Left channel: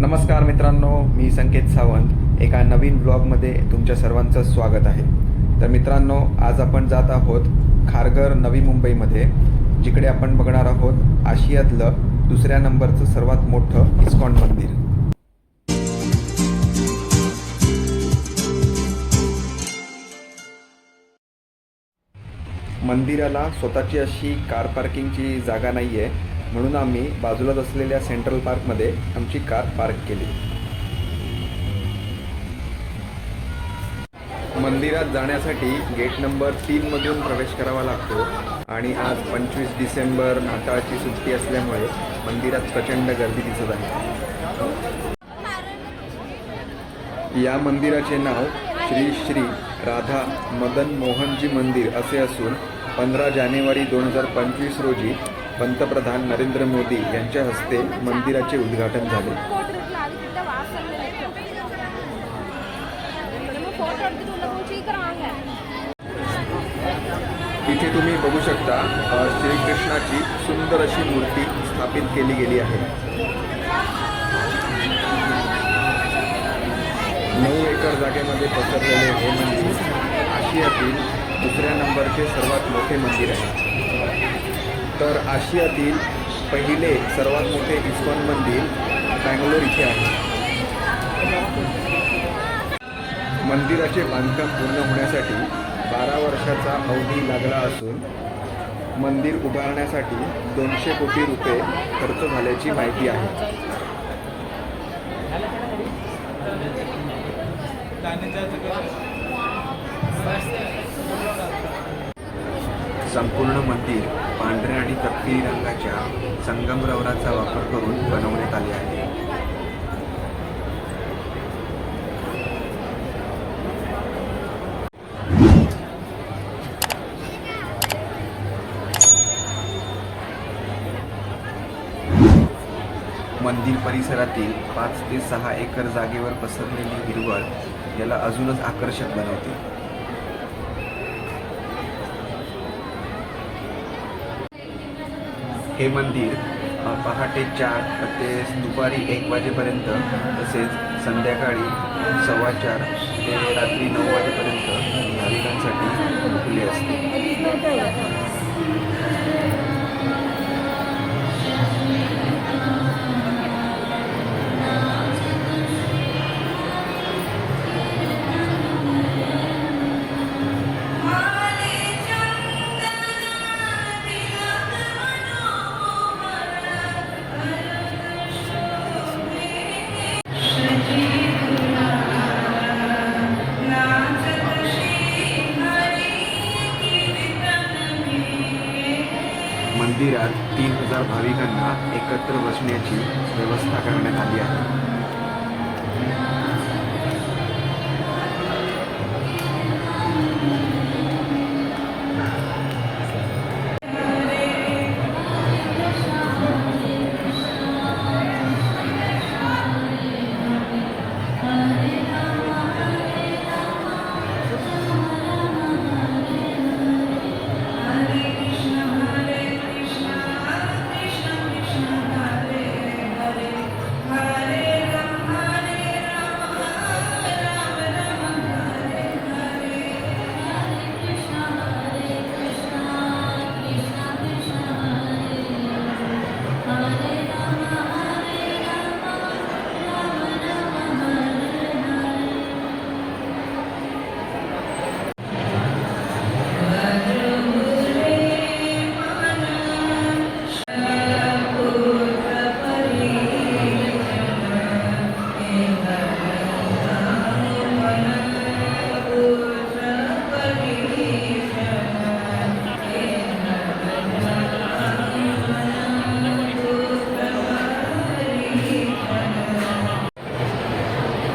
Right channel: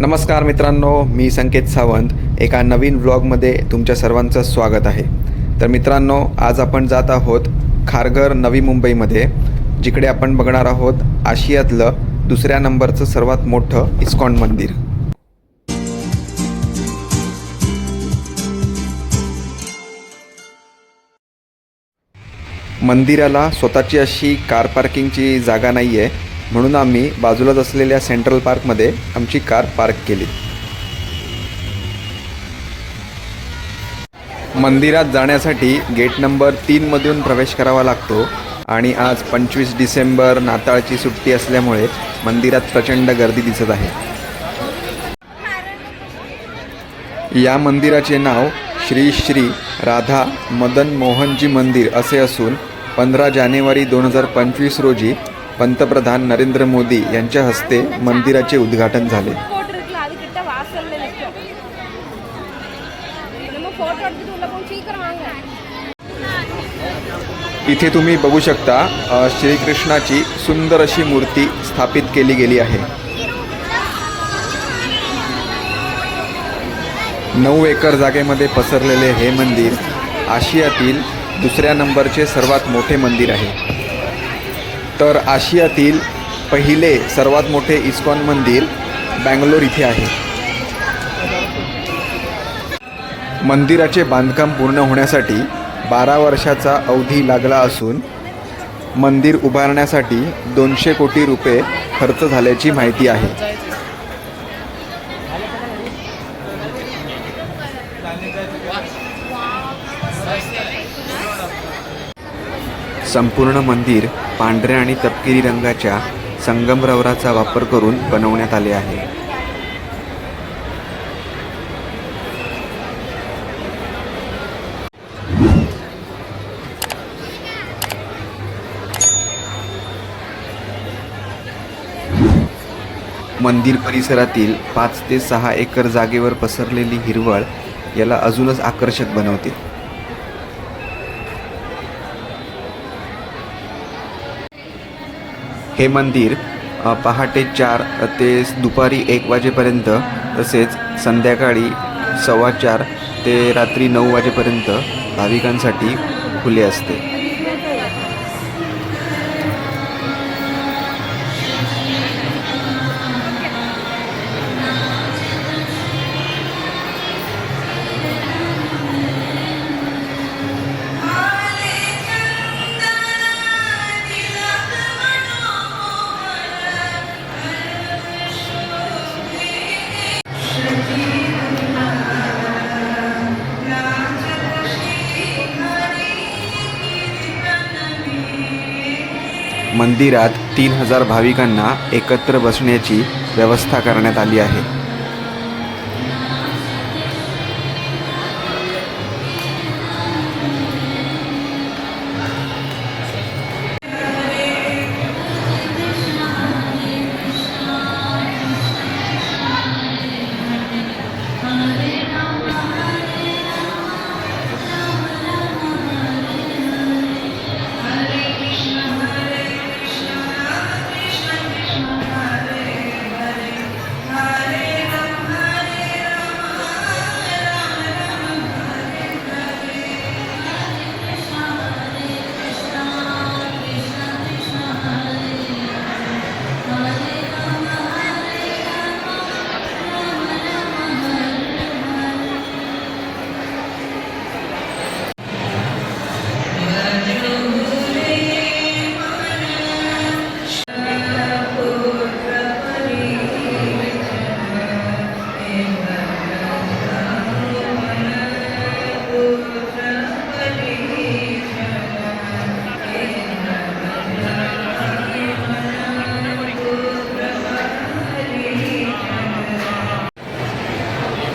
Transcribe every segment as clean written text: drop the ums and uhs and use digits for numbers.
नमस्कार मित्रांनो, मी संकेत सावंत एका नवीन व्लॉगमध्ये तुमच्या सर्वांचं स्वागत आहे। तर मित्रांनो, आज आपण जात आहोत खारघर नवी मुंबईमध्ये, जिकडे आपण बघणार आहोत आशियातलं दुसऱ्या नंबरचं सर्वात मोठं इस्कॉन मंदिर। मंदिराला स्वतःची अशी कार पार्किंगची जागा नाही आहे, म्हणून आम्ही बाजूलाच असलेल्या सेंट्रल पार्कमध्ये आमची कार पार्क केली। मंदिरात जाण्यासाठी गेट नंबर 3 मधून प्रवेश करावा लागतो आणि आज 25 डिसेंबर नाताळची सुट्टी असल्यामुळे मंदिरात प्रचंड गर्दी दिसत आहे। या मंदिराचे नाव श्री श्री राधा मदन मोहनजी मंदिर असे असून 15 जानेवारी 2025 रोजी पंतप्रधान नरेंद्र मोदी यांच्या हस्ते मंदिराचे उद्घाटन झाले। इथे तुम्ही बघू शकता श्रीकृष्णाची सुंदर अशी मूर्ती स्थापित केली गेली आहे। 9 एकर जागेमध्ये पसरलेले हे मंदिर आशियातील दुसऱ्या नंबरचे सर्वात मोठे मंदिर आहे। तर आशियातील पहिले सर्वात मोठे इस्कॉन मंदिर बंगलोर इथे आहे। मंदिराचे बांधकाम पूर्ण होण्यासाठी 12 वर्षाचा अवधी लागला असून मंदिर उभारण्यासाठी 200 कोटी रुपये खर्च झाल्याची माहिती आहे। संपूर्ण मंदिर पांढऱ्या आणि तपकिरी रंगाच्या संगमरवराचा वापर करून बनवण्यात आले आहे। मंदिर परिसरातील 5 ते 6 एकर जागेवर पसरलेली हिरवळ याला अजूनच आकर्षक बनवते। हे मंदिर पहाटे 4 ते दुपारी 1 वाजेपर्यंत तसेच संध्याकाळी 4:15 ते रात्री 9 वाजेपर्यंत भाविकांसाठी खुले असते। मंदिरात 3000 भाविकांना एकत्र बसण्याची व्यवस्था करण्यात आली आहे।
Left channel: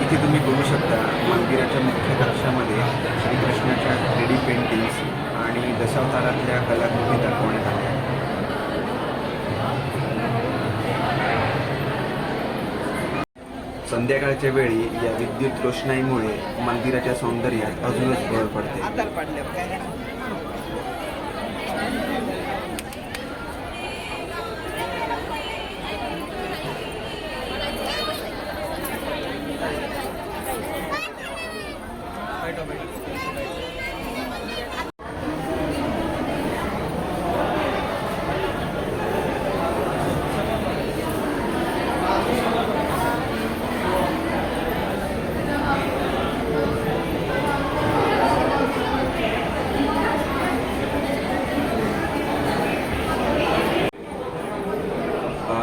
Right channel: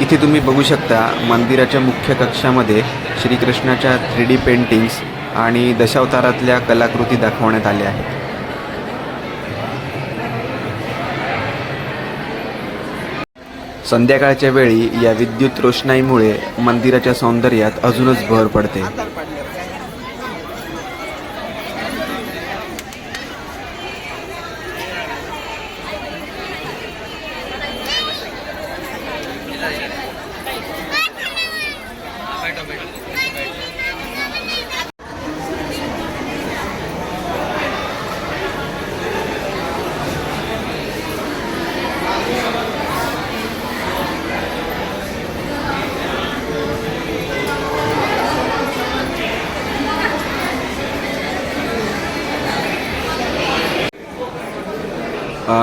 इथे तुम्ही बघू शकता मंदिराच्या मुख्य कक्षामध्ये श्रीकृष्णाच्या 3D पेंटिंग्स आणि दशावतारातल्या कलाकृती दाखवण्यात आल्या आहेत। संध्याकाळच्या वेळी या विद्युत रोषणाईमुळे मंदिराच्या सौंदर्यात अजूनच भर पडते।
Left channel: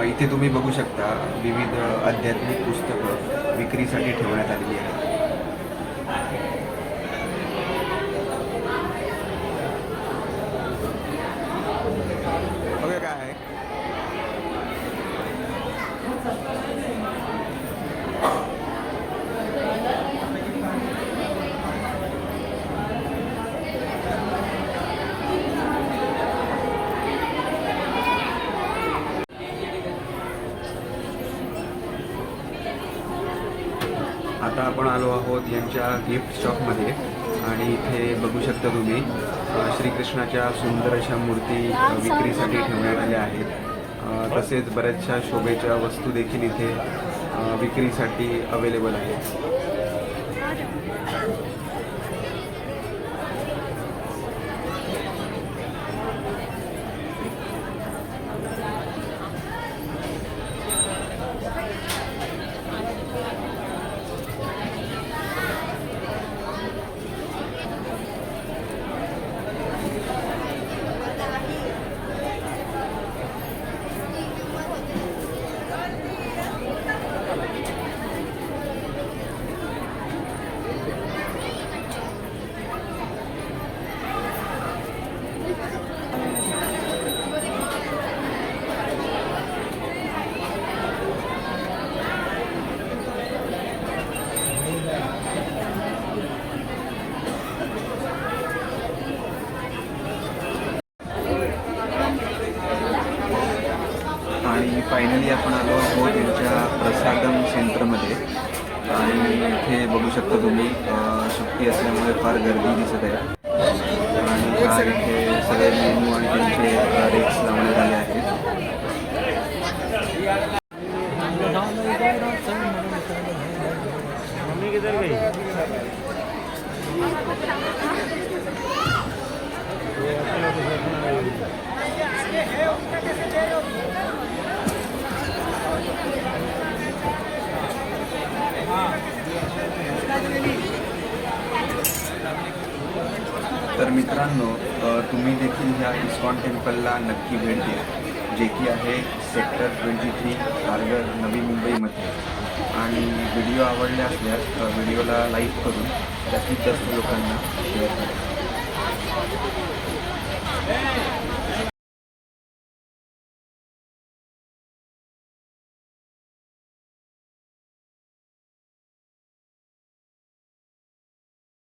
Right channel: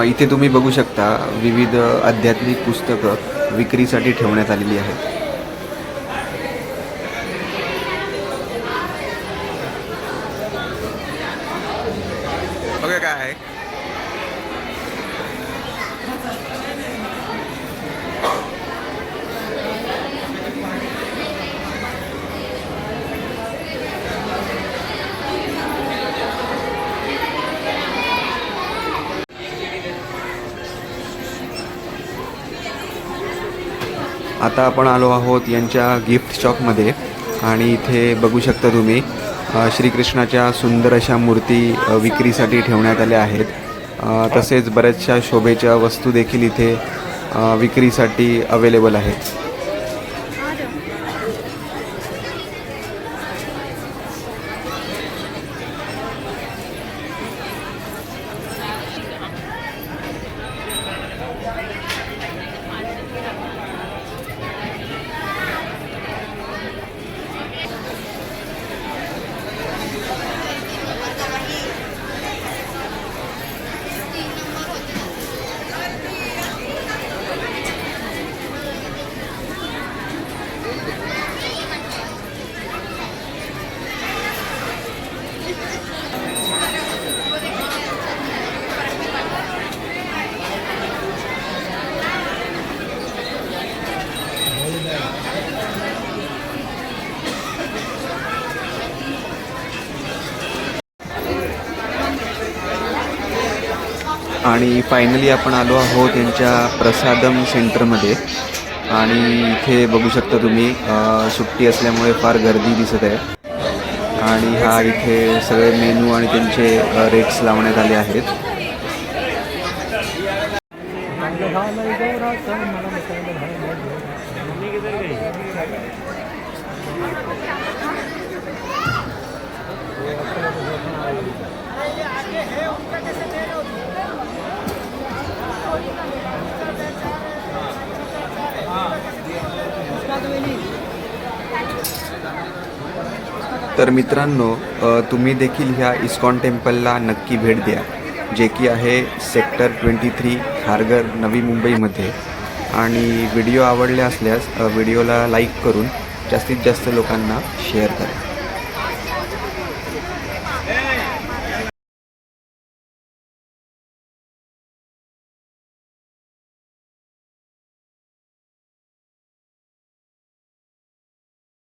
इथे तुम्ही बघू शकता विविध आध्यात्मिक पुस्तकं विक्रीसाठी ठेवण्यात आलेली आहेत. बघा काय आहे. आता आपण आलो आहोत यांच्या गिफ्ट शॉपमध्ये आणि इथे बघू शकता तुम्ही श्रीकृष्णाच्या सुंदर अशा मूर्ती विक्रीसाठी ठेवण्यात आल्या आहेत. तसेच बऱ्याचशा शोभेच्या वस्तू देखील इथे विक्रीसाठी अवेलेबल आहेत. आणि फायनली आपण आलो आहोत यांच्या प्रसादम सेंटरमध्ये आणि इथे बघू शकता तुम्ही सुट्टी असल्यामुळे फार गर्दी दिसत आहे. आणि हा इथे सगळे मेनू आणि त्यांचे रेट्स लावण्यात आले आहेत. तर मित्रांनो, तुम्ही देखील ह्या इस्कॉन टेम्पलला नक्की भेट द्या, जे की आहे सेक्टर 23 खारघर नवी मुंबईमध्ये. आणि व्हिडिओ आवडले असल्यास व्हिडिओला लाईक करून जास्तीत जास्त लोकांना शेअर करा.